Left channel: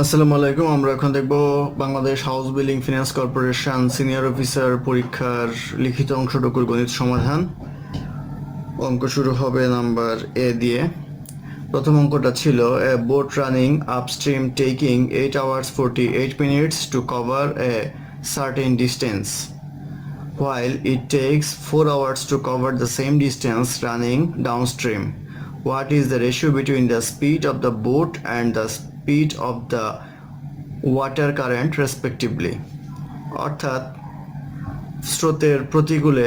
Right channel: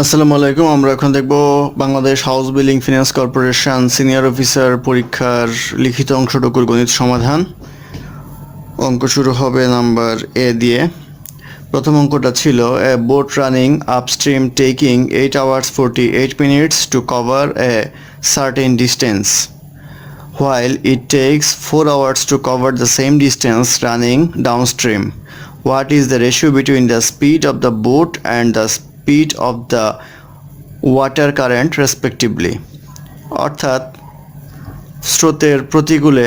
আসসালামু আলাইকুম। আমরা এখন দেখব Bangladesh house building finance corporation senior officer পরীক্ষার লিখিত অংশটুকুর গণিত সমাধান। অঙ্ক শুরু হবে নাম্বার এ দিয়ে। প্রথম অঙ্কটা ছিল a boat running upstream taking 8 hours 48 minutes to cover a certain distance while it takes 4 hours to cover the same distance running downstream. What is the ratio between the speed of the boat and the speed of the water current respectively? অর্থাৎ স্রোতের প্রতিকূলে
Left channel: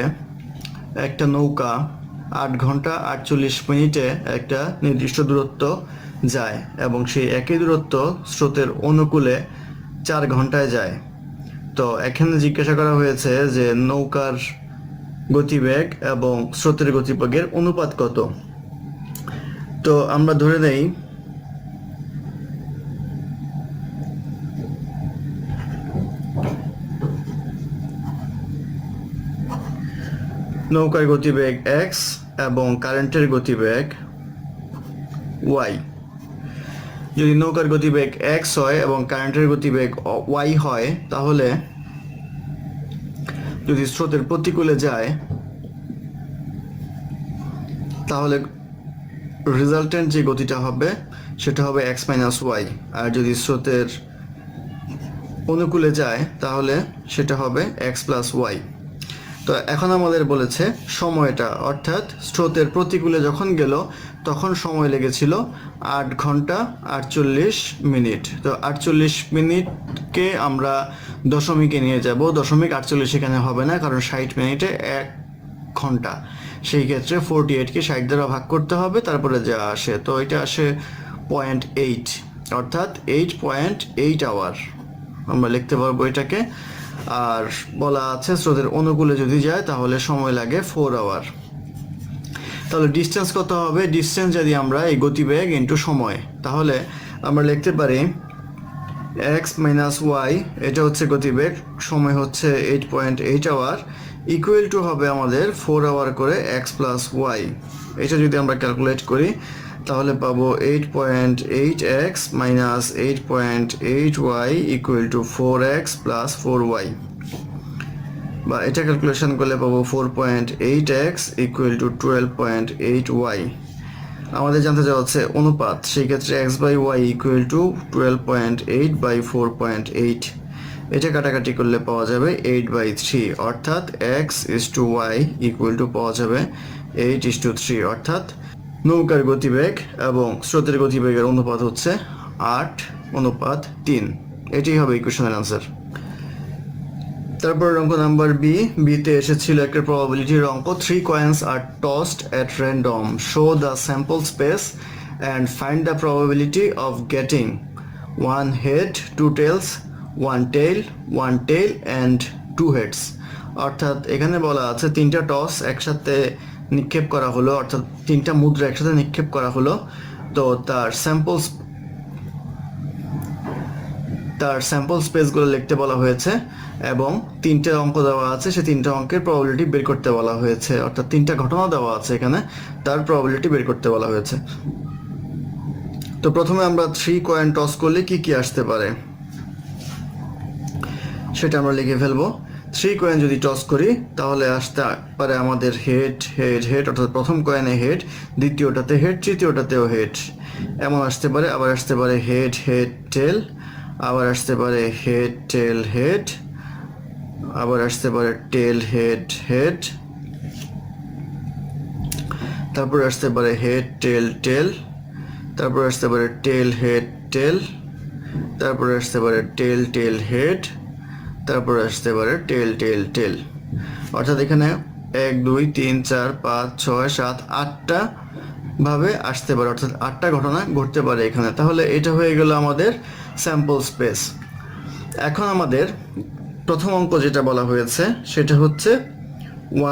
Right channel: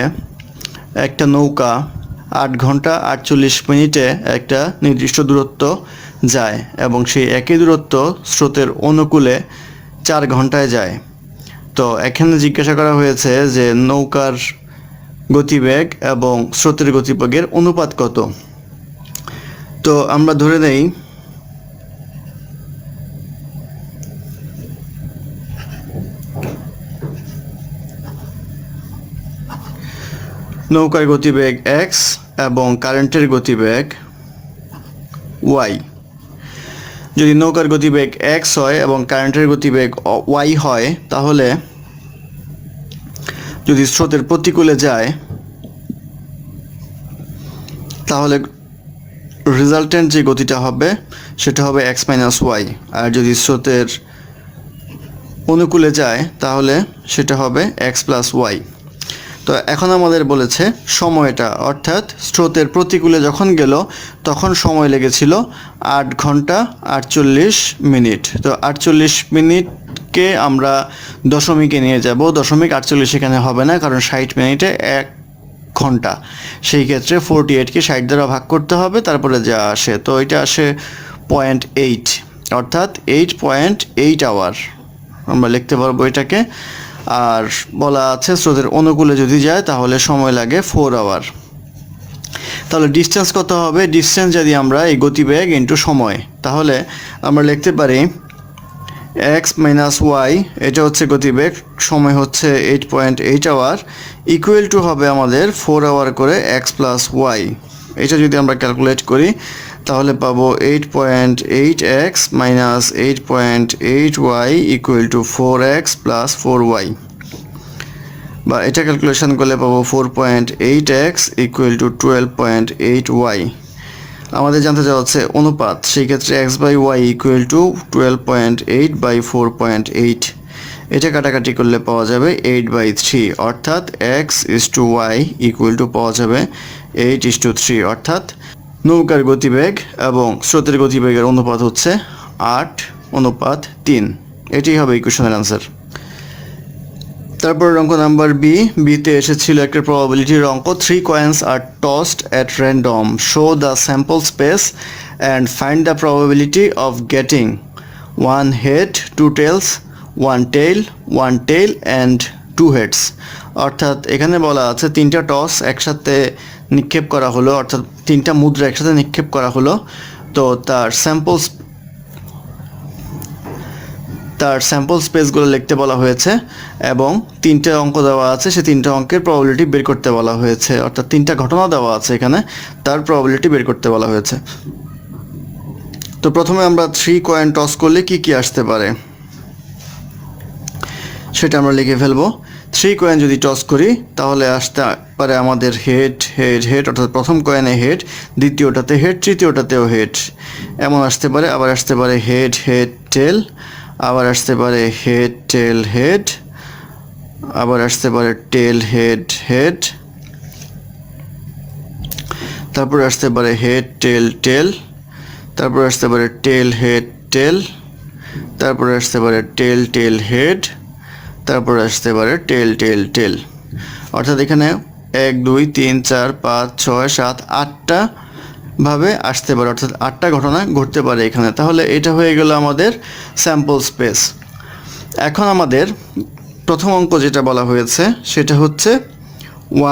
একটা নৌকা 8 ঘন্টা 48 মিনিটে একটা নির্দিষ্ট দূরত্ব যায় এবং সেই একই দূরত্ব স্রোতের অনুকূলে 4 ঘন্টায় যায়। তো এখানে জিজ্ঞাসা করা হয়েছে যে নৌকার গতিবেগ এবং স্রোতের গতিবেগের অনুপাত কত। তো আমরা ধরে নেই নৌকার গতিবেগ x এবং কারেন্টের গতিবেগ y। যদি নৌকার গতিবেগ x হয় এবং কারেন্টের গতিবেগ y হয়, তাহলে যদি স্রোতের প্রতিকূলে যায় তাহলে রেজাল্টেন্ট যে গতিটা হবে সেটা হবে x - y, আর যদি স্রোতের অনুকূলে যায় তাহলে সেটা হবে x + y। তো এখন আমাদের বলেছে সময়টা, অর্থাৎ স্রোতের প্রতিকূলে যখন গেল তখন সময় লেগেছিল 8 ঘন্টা 48 মিনিট। তো 48 মিনিটকে আমরা দশমিকে নিয়ে যাব। দশমিক 48 এখানে হবে না, কারণ 60 মিনিটে 1 ঘন্টা। সেই ক্ষেত্রে 48কে 60 দ্বারা ভাগ করতে হবে, তারপরে যা আসে তো এটা আসে 0.8, অর্থাৎ 8.8 আওয়ার আমরা লিখতে পারবো এটাকে। আর বলা আছে স্রোতের অনুকূলে যদি যায় তাহলে সময় লাগে 4 আওয়ার। তাহলে ডিস্টেন্স কত হবে? ডিস্টেন্স যদি আমরা এই গতিবেগ ইন্টু সময়, তাহলে আমরা লিখতে পারি x - y, এটা হচ্ছে গতিবেগ, সময় হচ্ছে 8.8 আওয়ার, ইকুয়াল টু হবে আমাদের 4 আওয়ার করে x + y। এটা যদি আমরা ক্যালকুলেট করি তাহলে পাবো 8.8x - 8.8y equal to 4x + 4y, বা এটা ক্যালকুলেশন করলে পাবো 4.8x ইকুয়াল টু 12.8y। আমাদের জানতে চাওয়া হচ্ছে অনুপাত, সেই ক্ষেত্রে x/y ইকুয়াল টু 12.8/4.8। এটা কাটাকাটি করলে পাওয়া যাবে 8/3, অর্থাৎ x/y ইকুয়াল টু পাওয়া যাবে 8:3, অর্থাৎ নৌকার গতিবেগ এবং স্রোতের গতিবেগের অনুপাত হচ্ছে 8:3। এটাই হবে ইকুয়েশনের আনসার। তারপর অঙ্ক নাম্বার বিতে এসেছিল একটা প্রবাবিলিটির অঙ্ক। 3 coins are tossed at random. Show the sample space and find the probability of getting 1 head, 2 tails, 1 tail and 2 heads. অর্থাৎ এখানে বলা আছে 3টা টস একসাথে নিক্ষেপ করা হলো, অর্থাৎ 3টা মুদ্রা একসাথে নিক্ষেপ করা হলো। তো তার স্যাম্পল স্পেসগুলো লিখতে বলা হয়েছে এবং 3টে অঙ্ক দেওয়া আছে, সেই 3টে অঙ্কের প্রবাবিলিটি বের করতে বলা হয়েছে, অর্থাৎ 3টা ঘটনা দেওয়া আছে এখানে, তার প্রবাবিলিটি বের করতে বলা হয়েছে। তো প্রথমে আমরা 3 কয়েন টস করলে কি কি আসতে পারে সেটা আমরা লিখে ফেলবো। 3 কয়েন যদি টস করি তাহলে আসতে পারে আমাদের হেড, অর্থাৎ প্রথম কয়েনে হেড, দ্বিতীয়টাতে হেড, তৃতীয়টাতেও হেড, এমন আসতে পারে। আবার আসতে পারে হেড টেল, আবার আসতে পারে হেড টেল হেড, আবার আসতে পারে টেল হেড, তারপর আসতে পারে হেড টেল, তারপর আসতে পারে টেল হেড টেল, তারপর আসতে পারে টেল হেড, তারপর আসতে পারে টেল। অর্থাৎ এখানে 1 2 3 4 5 6 7 8টা ভাবে আসতে পারে, অর্থাৎ 8টা ঘটনা ঘটতে পারে এখানে। তাহলে এটা হয়ে গেল আমাদের স্যাম্পল স্পেস। এখন আমাদের প্রথম অঙ্ক যেটা বলা হয়েছে সেটা হচ্ছে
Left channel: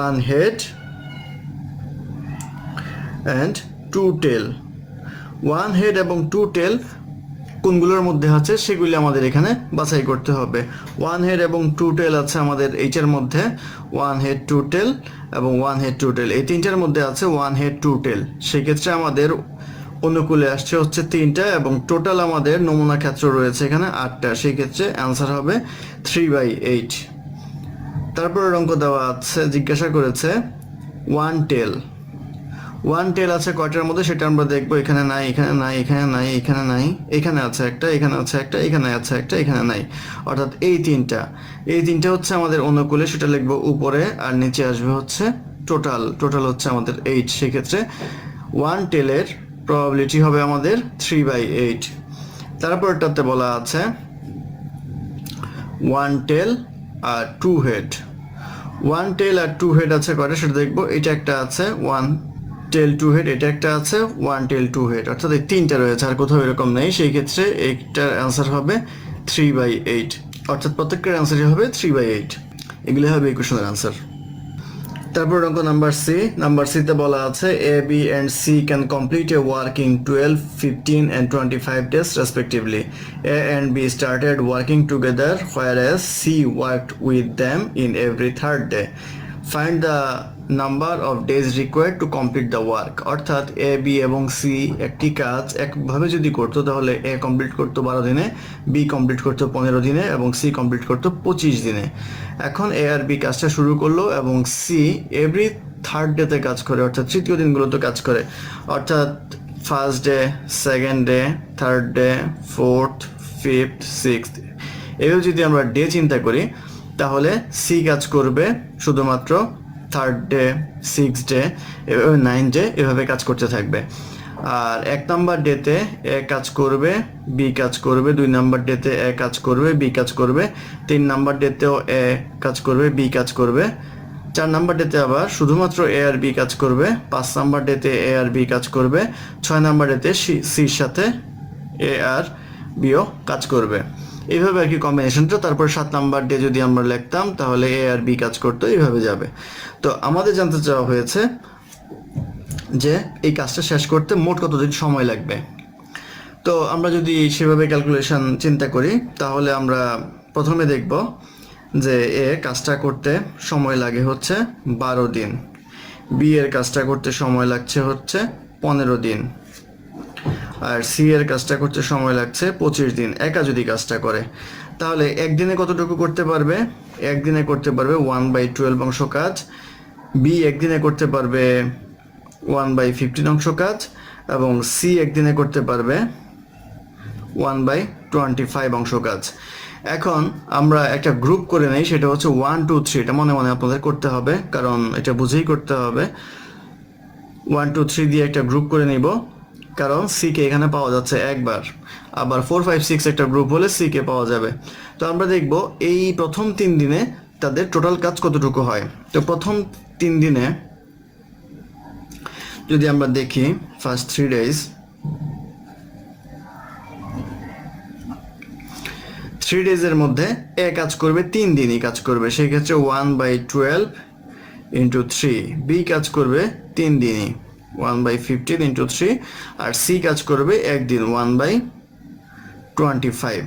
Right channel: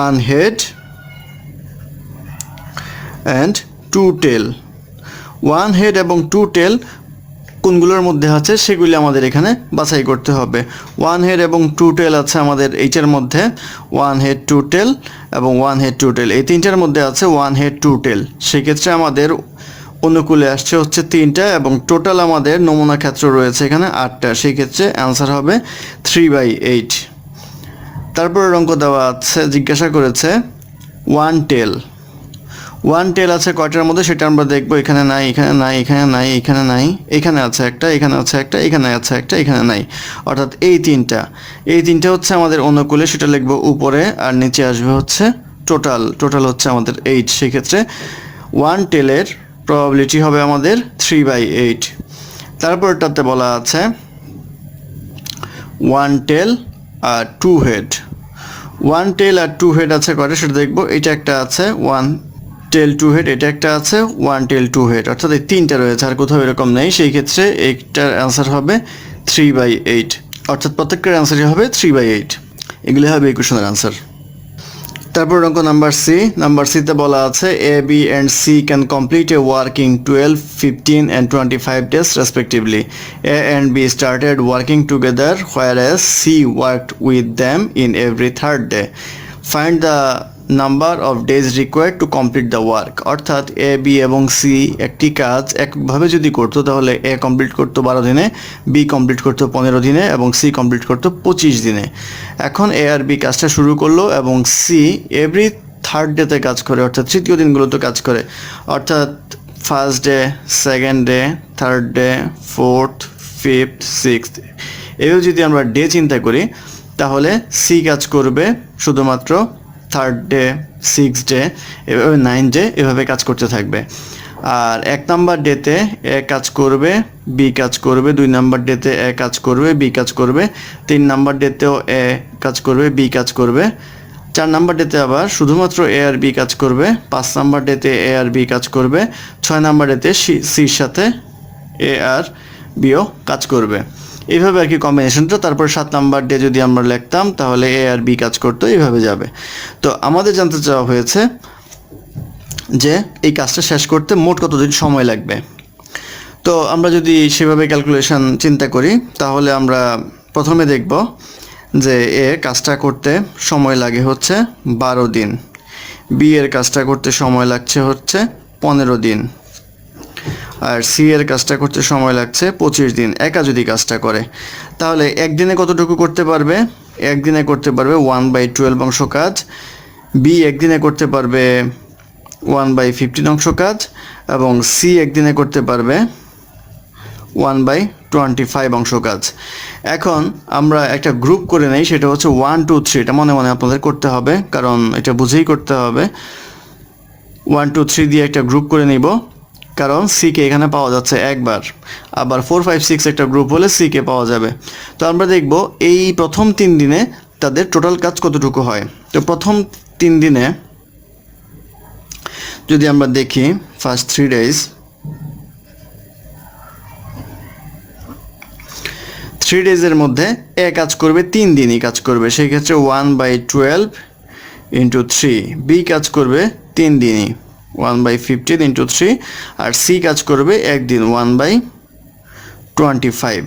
1 head and 2 tail। 1 head এবং 2 tail কোনগুলোর মধ্যে আছে সেগুলি আমাদের এখানে বাছাই করতে হবে। 1 হেড এবং 2 টেল আছে আমাদের এইটার মধ্যে, 1 হেড 2 টেল এবং 1 হেড 2 টেল, এই তিনটার মধ্যে আছে 1 হেড 2 টেল। সেক্ষেত্রে আমাদের অনুকূলে আসছে হচ্ছে 3টা এবং টোটাল আমাদের নমুনা ক্ষেত্র রয়েছে এখানে 8টা, সেই ক্ষেত্রে অ্যান্সার হবে 3/8। তারপরের অঙ্ক দেওয়া আছে, জিজ্ঞাসা করেছে ওয়ান টেল আছে কয়টার মধ্যে সেটা আমরা দেখবো। এখানে নাই, এখানে নাই, এখানে নাই, এখানে নাই, এখানে আছে একটা, এখানে আছে একটা, এখানে আছে একটা, এখানে নাই, অর্থাৎ এই তিনটা হচ্ছে আমাদের অনুকূলে, সেটা লিখবো উপরে, আর নিচে আসবে হচ্ছে টোটাল হচ্ছে আমাদের 8। সেক্ষেত্রে ওয়ান টেলের প্রবাবিলিটি হবে আমাদের 3/8। তারপরটাতে বলা আছে ওয়ান টেল আর টু হেড আছে কয়টা সেটা দেখবো। এটা একটা আছে ওয়ান টেল টু হেড, এটা একটা আছে ওয়ান টেল টু হেড, অর্থাৎ এই 3টা রয়েছে, আর কোথাও এরকম নেই। সেই ক্ষেত্রে এইটার অ্যান্সার হবে 3/8, অর্থাৎ প্রত্যেকটার অ্যান্সারই হবে 3/8। এগুলি হবে এই কোশ্চেনের অ্যান্সার। তারপর অঙ্ক নাম্বার সিতে বলা আছে A B and C can complete a work in 12, 15 and 25 days respectively. A and B started working together whereas C worked with them in every third day. Find the number of days required to complete the work. অর্থাৎ A B এবং C একটি কাজ একভাবে যদি করতো তাহলে এ complete করতো 12 দিনে, বি কমপ্লিট করতো 15 দিনে এবং সি কমপ্লিট করতো 25 দিনে। এখন এ আর বি কাজটা শুরু করলো এবং সি এভরি থার্ড ডেতে কাজ করে, অর্থাৎ তৃতীয় দিনগুলোতে কাজ করে, অর্থাৎ first day, second day, third day, fourth, fifth, sixth. এভাবে যদি আমরা ডে চিন্তা করি তাহলে সি কাজ করবে শুধুমাত্র থার্ড ডে, সিক্স ডে, এভাবে 9 ডে, এভাবে কাজ করতে থাকবে। আর 1 নাম্বার ডেতে এ কাজ করবে, বি কাজ করবে, 2 নাম্বার ডেতে এ কাজ করবে, বি কাজ করবে, 3 নাম্বার ডেতেও এ কাজ করবে, বি কাজ করবে, 4 নাম্বার ডেতে আবার শুধুমাত্র এ আর বি কাজ করবে, 5 নাম্বার ডেতে এ আর বি কাজ করবে, 6 নাম্বার ডেতে সির সাথে এ আর বিও কাজ করবে। এইভাবে আর কি কম্বিনেশনটা। তারপর 7 নাম্বার ডে যদি আমরা লিখতাম তাহলে এ আর বি কাজ করতো, এইভাবে যাবে। তো আমাদের জানতে চাওয়া হয়েছে যে এই কাজটা শেষ করতে মোট কতদিন সময় লাগবে। তো আমরা যদি সেভাবে ক্যালকুলেশন চিন্তা করি তাহলে আমরা প্রথমে দেখব যে এ কাজটা করতে সময় লাগে হচ্ছে 12 দিন, বি এর কাজটা করতে সময় লাগছে হচ্ছে 15 দিন, আর সি এর কাজটা করতে সময় লাগছে 25 দিন। একা যদি কাজটা করে তাহলে একদিনে কতটুকু করতে পারবে? একদিনে করতে পারবে 1/12 অংশ কাজ, বি একদিনে করতে পারবে 1/15 অংশ কাজ, এবং সি একদিনে করতে পারবে 1/25 অংশ কাজ। এখন আমরা একটা গ্রুপ করে নেই, সেটা হচ্ছে 1 2 3। এটা মনে মনে আপনাদের করতে হবে, কারণ এটা বুঝেই করতে হবে। 1 2 3 দিয়ে একটা গ্রুপ করে নিব, কারণ সিকে এখানে পাওয়া যাচ্ছে একবার, আবার 4 5 6 একটা গ্রুপ হলে সিকে পাওয়া যাবে। তো আমরা দেখব এই প্রথম 3 দিনে তাদের টোটাল কাজ কতটুকু হয়। তো প্রথম 3 দিনে যদি আমরা দেখি, ফার্স্ট 3 ডেজ, 3 ডেজের মধ্যে এ কাজ করবে 3 দিনই কাজ করবে, সেই ক্ষেত্রে 1/12 ইন্টু 3। বি কাজ করবে 3 দিনই, 1/15 ইন্টু 3, আর সি কাজ করবে একদিন, 1/25।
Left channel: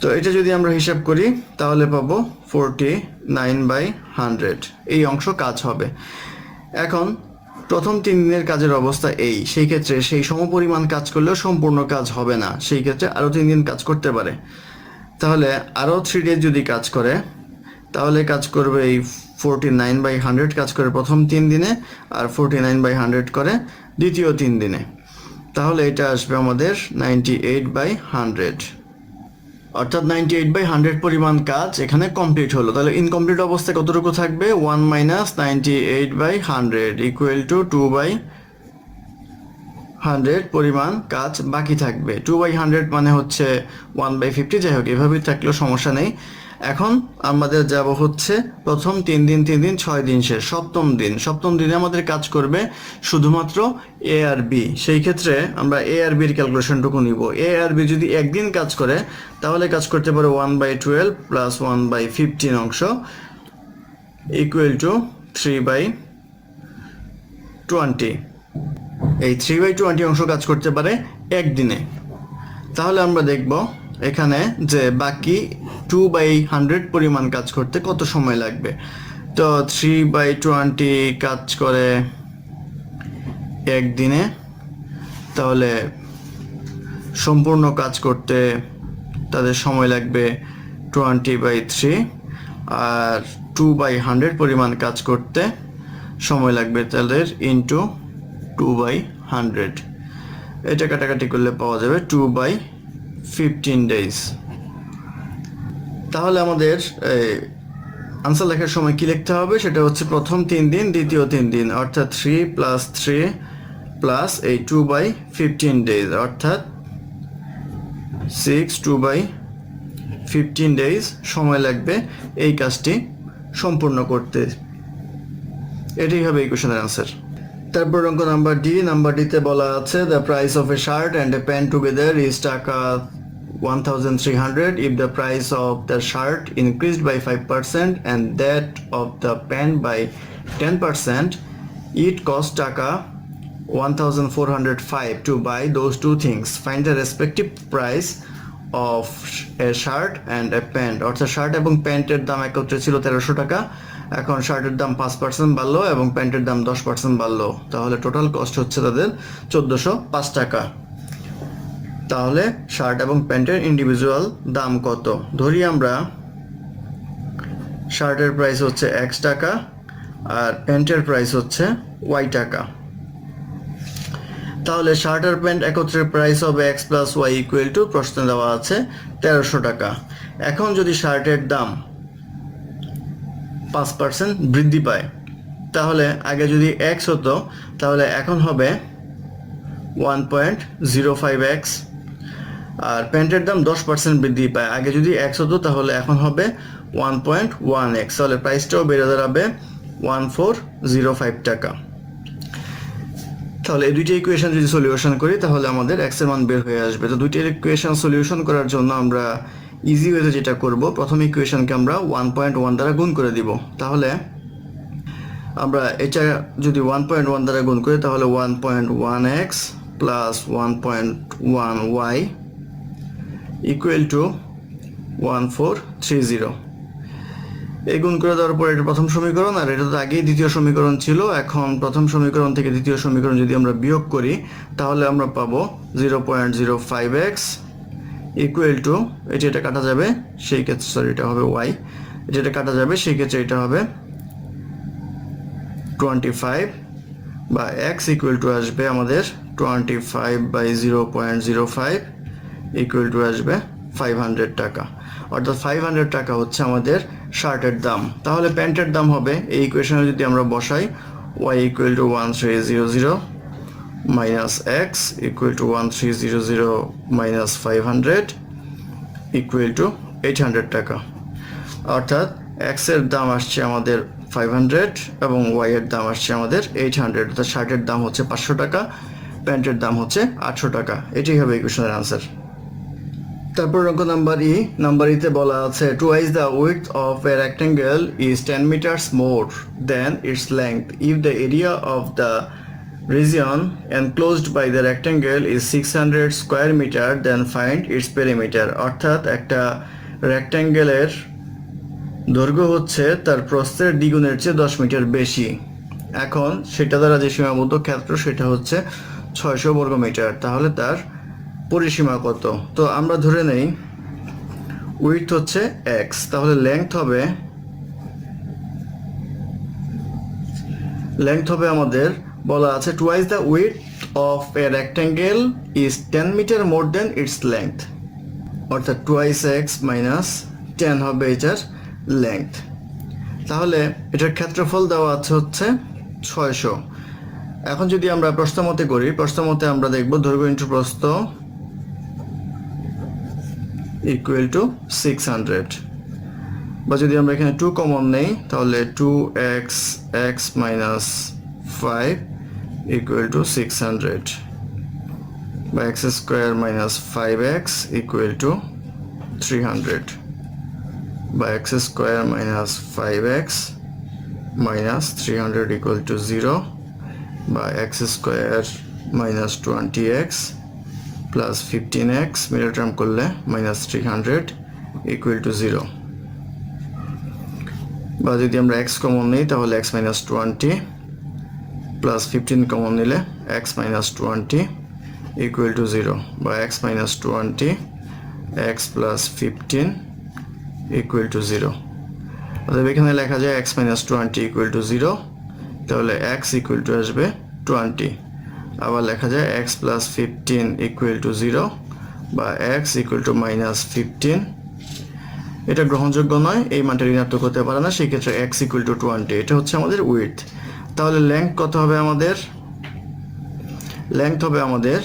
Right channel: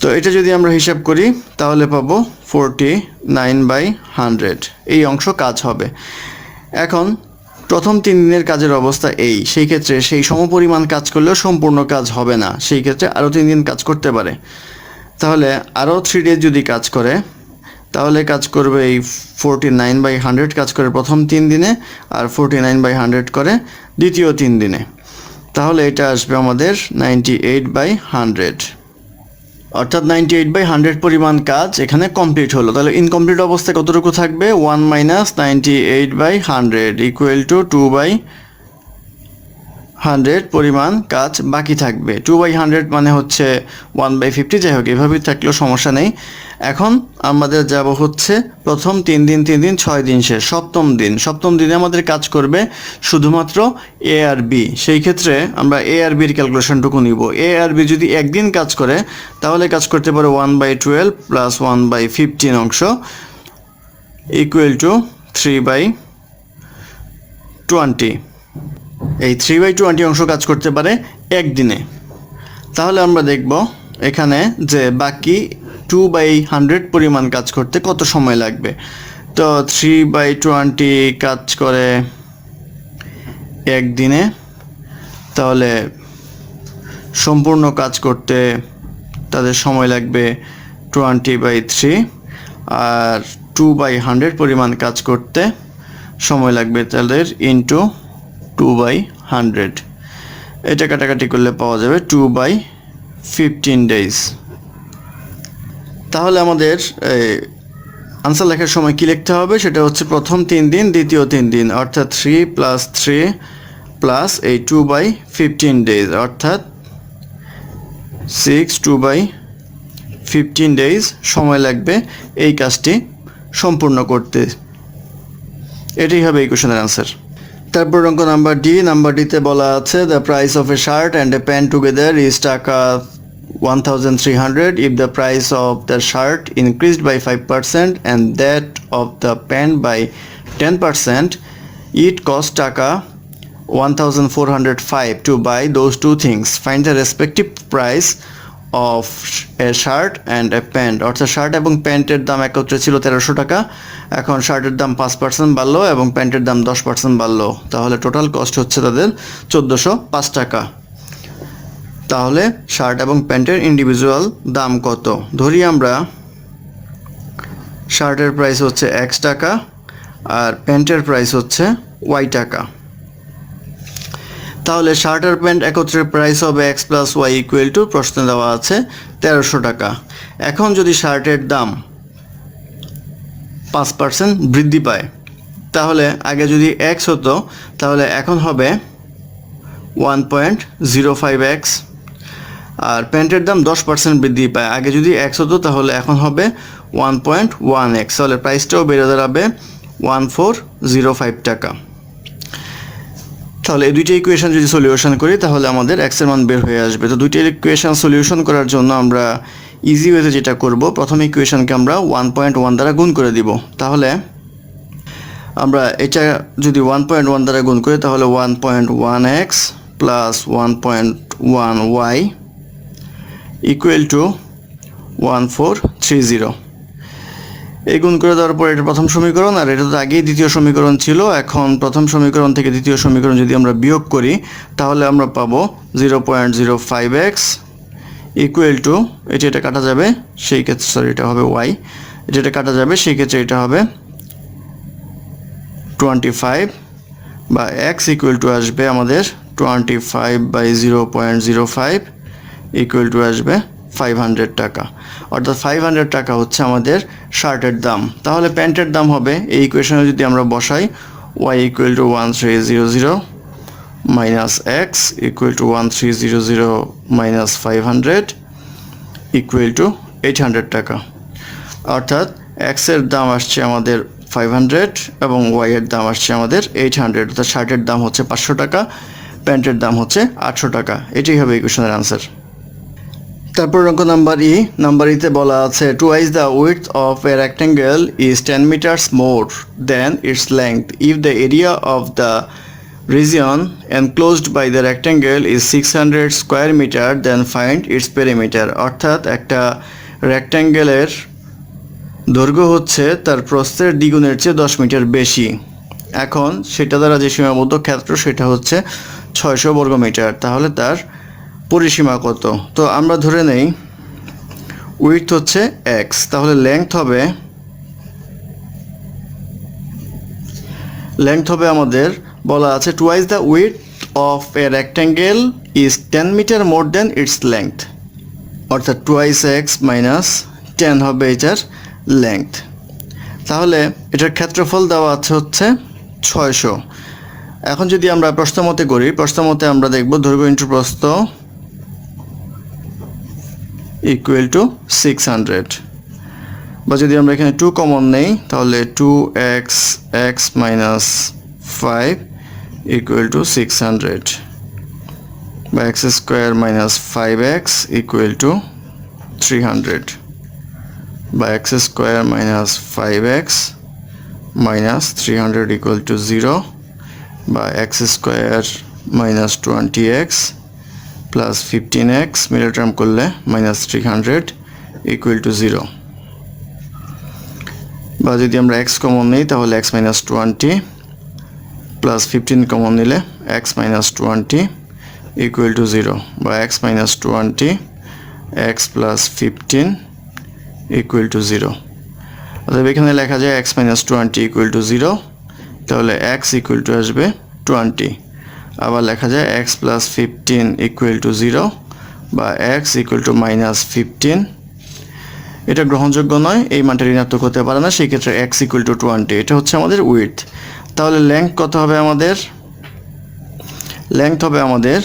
তো এটা যদি আমরা হিসাব করি তাহলে পাবো 49/100 এই অংশ কাজ হবে। এখন প্রথম 3 দিনের কাজের অবস্থা এই, সেই ক্ষেত্রে সেই সমপরিমাণ কাজ করলেও সম্পূর্ণ কাজ হবে না, সেই ক্ষেত্রে আরও 3 দিন কাজ করতে পারে। তাহলে আরও 3 ডেজ যদি কাজ করে তাহলে কাজ করবে এই 49/100 কাজ করে প্রথম 3 দিনে, আর 49/100 করে দ্বিতীয় 3 দিনে। তাহলে এটা আসবে আমাদের 98/100, অর্থাৎ 98/100 পরিমাণ কাজ এখানে কমপ্লিট হলো। তাহলে ইনকমপ্লিট অবস্থায় কতটুকু থাকবে? 1 - 98/100 ইকুয়াল টু 2/100 পরিমাণ কাজ বাকি থাকবে। 2/100 মানে হচ্ছে 1/50, যাই হোক এভাবেই থাকলেও সমস্যা নেই। এখন আমাদের যাব হচ্ছে প্রথম 3 দিন 6 দিন শেষ, সপ্তম দিনে আমাদের কাজ করবে শুধুমাত্র এ আর বি। সেই ক্ষেত্রে আমরা এ আর বির ক্যালকুলেশনটুকু নিব। এ আর বি যদি একদিন কাজ করে তাহলে কাজ করতে পারে 1/12 প্লাস 1/15 অংশ ইকুয়াল টু 3/20। এই 3/20 অংশ কাজ করতে পারে একদিনে। তাহলে আমরা দেখব এখানে যে বাকি 2/100 পরিমাণ কাজ করতে কত সময় লাগবে। তো 3/20 কাজ করে একদিনে, তাহলে সম্পূর্ণ কাজ করতে তাদের সময় লাগবে 20/3, আর 2/100 পরিমাণ কাজ করতে সময় লাগবে তাদের ইন্টু 2/100। এটা কাটাকাটি করলে পাওয়া যাবে 2/15 days। তাহলে আমাদের আনসার লেখার সময় কি লিখতে হবে, সেটা হচ্ছে প্রথম 3 দিন, দ্বিতীয় 3 দিন, অর্থাৎ 3 + 3 প্লাস এই 2/15 days, অর্থাৎ 6 2/15 days সময় লাগবে এই কাজটি সম্পূর্ণ করতে। এটাই হবে এই কোশ্চেনের আনসার। তারপর অঙ্ক নাম্বার ডি। নাম্বার ডিতে বলা আছে the price of A shirt and a pant together is টাকা 1300 if the price of the shirt increased by 5% and that of the pant by 10%. It cost টাকা 1405 to buy those two things. Find the respective price of a shirt and a pant. অর্থাৎ shirt এবং প্যান্টের দাম একত্রে ছিল 1300 টাকা, এখন শার্টের দাম 5% বাড়লো এবং প্যান্টের দাম 10% বাড়লো, তাহলে টোটাল কস্ট হচ্ছে তাদের 1405 টাকা। তাহলে শার্ট এবং প্যান্টের ইন্ডিভিজুয়াল দাম কত? ধরি আমরা শার্টের প্রাইস হচ্ছে x টাকা আর প্যান্টের প্রাইস হচ্ছে y টাকা। তাহলে শার্ট আর প্যান্ট একত্রে প্রাইস হবে x + y = প্রশ্নে দেওয়া আছে 1300 টাকা। এখন যদি শার্টের দাম 5% বৃদ্ধি পায়, তাহলে আগে যদি x হতো তাহলে এখন হবে 1.05x, আর প্যান্টের দাম 10% বৃদ্ধি পায়, আগে যদি x হতো তাহলে এখন হবে 1.1x, তাহলে প্রাইসটাও বেড়ে দাঁড়াবে 1405 টাকা। তাহলে এই দুইটা ইকুয়েশন যদি সলিউশন করি তাহলে আমাদের x এর মান বের হয়ে আসবে। তো দুইটা ইকুয়েশন সলিউশন করার জন্য আমরা ইজি ওয়েতে যেটা করব, প্রথম ইকুয়েশনকে আমরা 1.1 দ্বারা গুণ করে দিব। তাহলে আমরা এটা যদি 1.1 দ্বারা গুণ করি তাহলে 1.1x + 1.1y = 1430। এই গুণ করে দেওয়ার পর এটা প্রথম সমীকরণ, আর এটা তো আগেই দ্বিতীয় সমীকরণ ছিল। এখন প্রথম সমীকরণ থেকে দ্বিতীয় সমীকরণ যদি আমরা বিয়োগ করি তাহলে আমরা পাবো 0.05x এটা কাটা যাবে, সেই ক্ষেত্রে এটা হবে y, এটা কাটা যাবে, সেই ক্ষেত্রে এটা হবে 25, বা x আসবে আমাদের 25/0.05 আসবে 500 টাকা, অর্থাৎ 500 টাকা হচ্ছে আমাদের শার্টের দাম। তাহলে প্যান্টের দাম হবে, এই ইকুয়েশনে যদি আমরা বসাই, y = 1300 minus x = 1300 minus 500 = 800 টাকা, অর্থাৎ x এর দাম আসছে আমাদের 500 এবং y এর দাম আসছে আমাদের 800, অর্থাৎ শার্টের দাম হচ্ছে 500 টাকা, প্যান্টের দাম হচ্ছে 800 টাকা। এটাই হবে ইকুয়েশনের আনসার। তারপর অঙ্ক নাম্বার ই। নাম্বার ইতে বলা আছে twice the width of a rectangle is 10 meters more than its length if the area of the region enclosed by the rectangle is 600 square meter, then find its perimeter। অর্থাৎ একটা রেক্ট্যাঙ্গেলের দৈর্ঘ্য হচ্ছে তার প্রস্থের দ্বিগুণের চেয়ে 10 মিটার বেশি, এখন সেটা দ্বারা যে সীমাবদ্ধ ক্ষেত্র সেটা হচ্ছে 600 বর্গমিটার, তাহলে তার পরিসীমা কত? তো আমরা ধরে নেই উইডথ হচ্ছে x, তাহলে লেংথ হবে আমাদের বলা আছে twice the width of a rectangle is 10 meter more than its length, অর্থাৎ 2x - 10 হবে এটার লেংথ। তাহলে এটার ক্ষেত্রফল দেওয়া আছে হচ্ছে 600। এখন যদি আমরা প্রস্থ মতে করি, প্রস্থ মতে আমরা দেখব দৈর্ঘ্য ইন্টু প্রস্থ = 600, বা যদি আমরা এখানে 2 কমন নেই তাহলে 2x - 5 = 600, বা x² - 5x = 300, বা x² - 5x - 300 = 0, বা x² - 20x plus 15x middle term করলে -300 = 0, বা যদি আমরা x কমন নিই তাহলে x - 20 plus 15 কমন নিলে x minus 20 equal to 0 বা x minus 20 x plus 15 equal to 0 অতএব এখানে লেখা যায় x minus 20 equal to 0 তাহলে x equal to আসবে 20 আবার লেখা যায় x plus 15 equal to 0 বা x equal to minus 15 এটা গ্রহণযোগ্য নয় এই মানটা ঋণাত্মক হতে পারে না সেই ক্ষেত্রে x equal to 20 এটা হচ্ছে আমাদের উইডথ তাহলে লেংথ কত হবে আমাদের লেংথ হবে আমাদের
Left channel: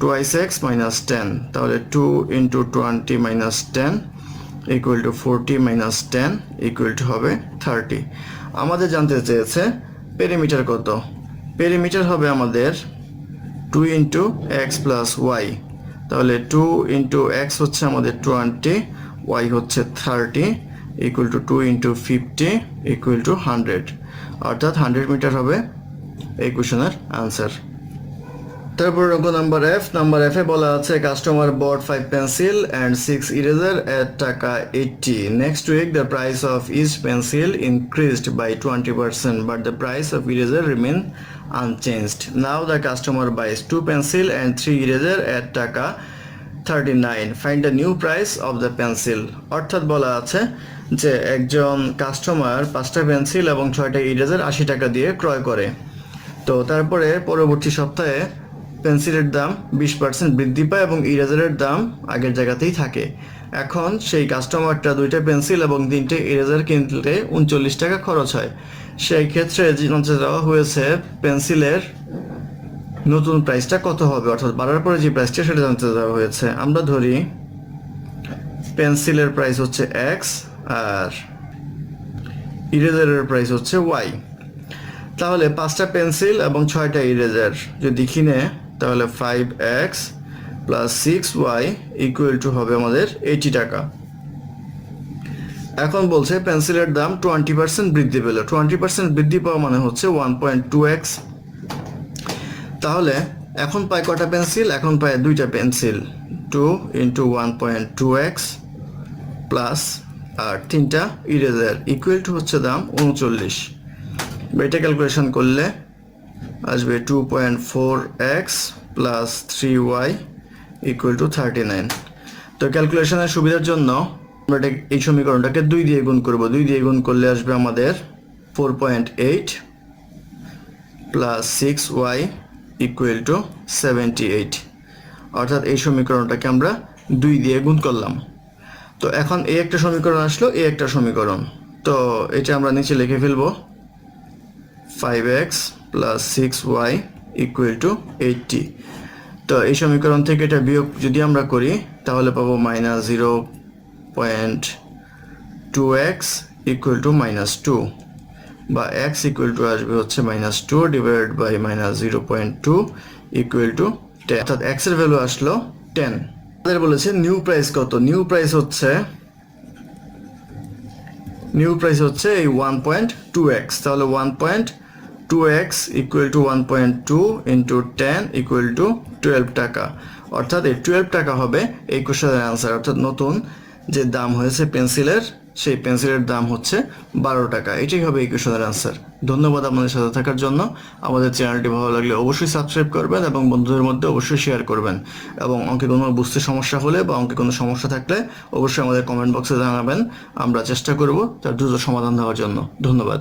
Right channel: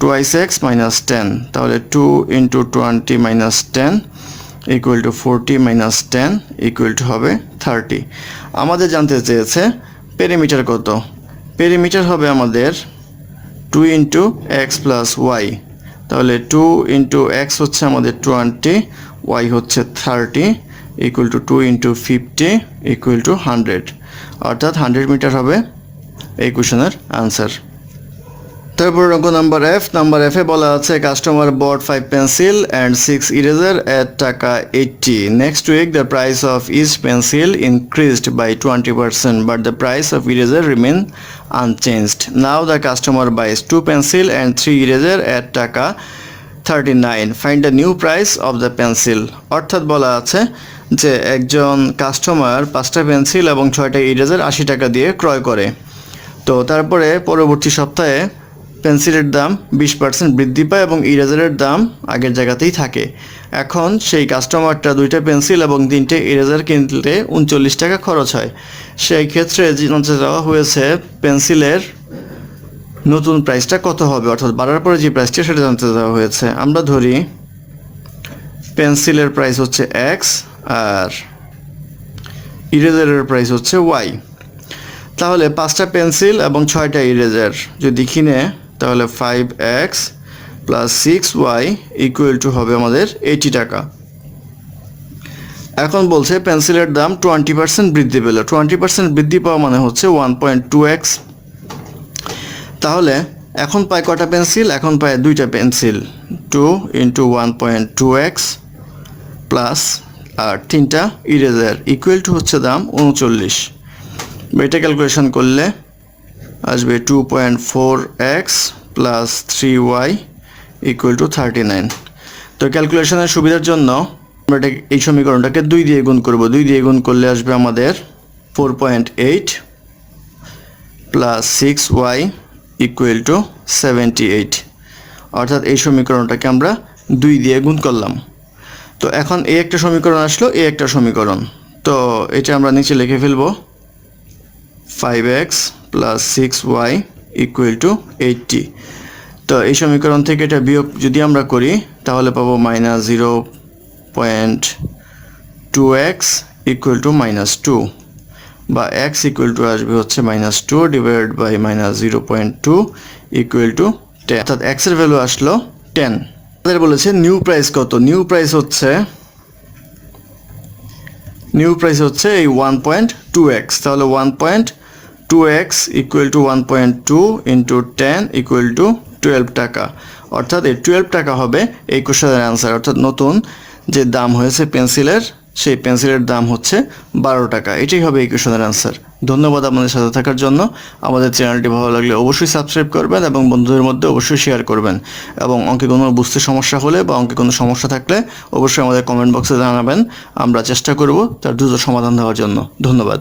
twice x minus 10 তাহলে 2 into 20 minus 10 equal to 40 minus 10 equal to হবে 30 আমাদের জানতে চেয়েছে পেরিমিটার কত পেরিমিটার হবে আমাদের 2 into x plus y তাহলে 2 into x হচ্ছে আমাদের 20 y হচ্ছে 30 equal to 2 into 50 equal to 100 অর্থাৎ 100 মিটার হবে এই কোশ্চেনের আনসার তারপর অঙ্ক নাম্বার এফ এ বলা আছে customer bought 5 pencil and 6 eraser at taka 80 next week the price of each pencil increased by 20% but the price of eraser remain unchanged now the customer buys 2 pencil and 3 eraser at taka 39 find the new price of the pencil অর্থাৎ বলা আছে যে একজন customer 5টা pencil এবং 6টা eraser 80 টাকা দিয়ে ক্রয় করে তো তারপরে পরবর্তী সপ্তাহে পেন্সিলের দাম 20% বৃদ্ধি পায় এবং ইরেজারের দাম আগের জায়গাতেই থাকে এখন সেই কাস্টমারটা 2টা পেন্সিল এবং 3টে ইরেজার কিনতে 39 টাকা খরচ হয় সেই ক্ষেত্রে জানতে চাওয়া হয়েছে পেন্সিলের নতুন প্রাইসটা কত হবে অর্থাৎ বাড়ার পরে যে প্রাইসটা সেটা জানতে চাওয়া হয়েছে আমরা ধরি পেন্সিলের প্রাইস হচ্ছে x আর ইরেজারের প্রাইস হচ্ছে y তাহলে 5টা পেন্সিল এবং 6টা ইরেজার যদি কিনে তাহলে 5x plus 6y equal to হবে আমাদের 80 টাকা এখন বলছে পেন্সিলের দাম 20% বৃদ্ধি পেল 20% বৃদ্ধি পাওয়া মানে হচ্ছে 1.2x তাহলে এখন পায় কটা পেন্সিল এখন পায় 2টা পেন্সিল 2 into 1.2x প্লাস আর 3টা ইরেজার ইকুয়াল টু হচ্ছে দাম 39 এটা ক্যালকুলেশন করলে আসবে 2.4x plus 3y equal to 39 তো ক্যালকুলেশনের সুবিধার জন্য আমরা এই সমীকরণটাকে 2 দিয়ে গুণ করব 2 দিয়ে গুণ করলে আসবে আমাদের 4.8 plus 6y equal to 78 অর্থাৎ এই সমীকরণটাকে আমরা 2 দিয়ে গুণ করলাম তো এখন এই একটা সমীকরণ আসলো এই একটা সমীকরণ তো এটা আমরা নিচে লিখে ফেলবো 5x plus 6y equal to 80 তো এই সমীকরণ থেকে এটা বিয়োগ যদি আমরা করি তাহলে পাবো -0.2x equal to -2 বা x equal to আসবে হচ্ছে -2 divided by -0.2 equal to 10 অর্থাৎ x এর ভ্যালু আসলো 10 আমাদের বলেছে নিউ প্রাইস কত নিউ প্রাইস হচ্ছে এই 1.2x তাহলে 1.2x equal to 1.2 into 10 equal to 12 টাকা অর্থাৎ এই 12 টাকা হবে এই কোশ্চেনের আনসার অর্থাৎ নতুন যে দাম হয়েছে পেন্সিলের সেই পেন্সিলের দাম হচ্ছে 12 টাকা এটাই হবে এই কোশ্চেনের আনসার ধন্যবাদ আপনাদের সাথে থাকার জন্য আমাদের চ্যানেলটি ভালো লাগলে অবশ্যই সাবস্ক্রাইব করবেন এবং বন্ধুদের মধ্যে অবশ্যই শেয়ার করবেন এবং অঙ্কে কোনো বুঝতে সমস্যা হলে বা অঙ্কে কোনো সমস্যা থাকলে অবশ্যই আমাদের কমেন্ট বক্সে জানাবেন আমরা চেষ্টা করব তার দ্রুত সমাধান দেওয়ার জন্য ধন্যবাদ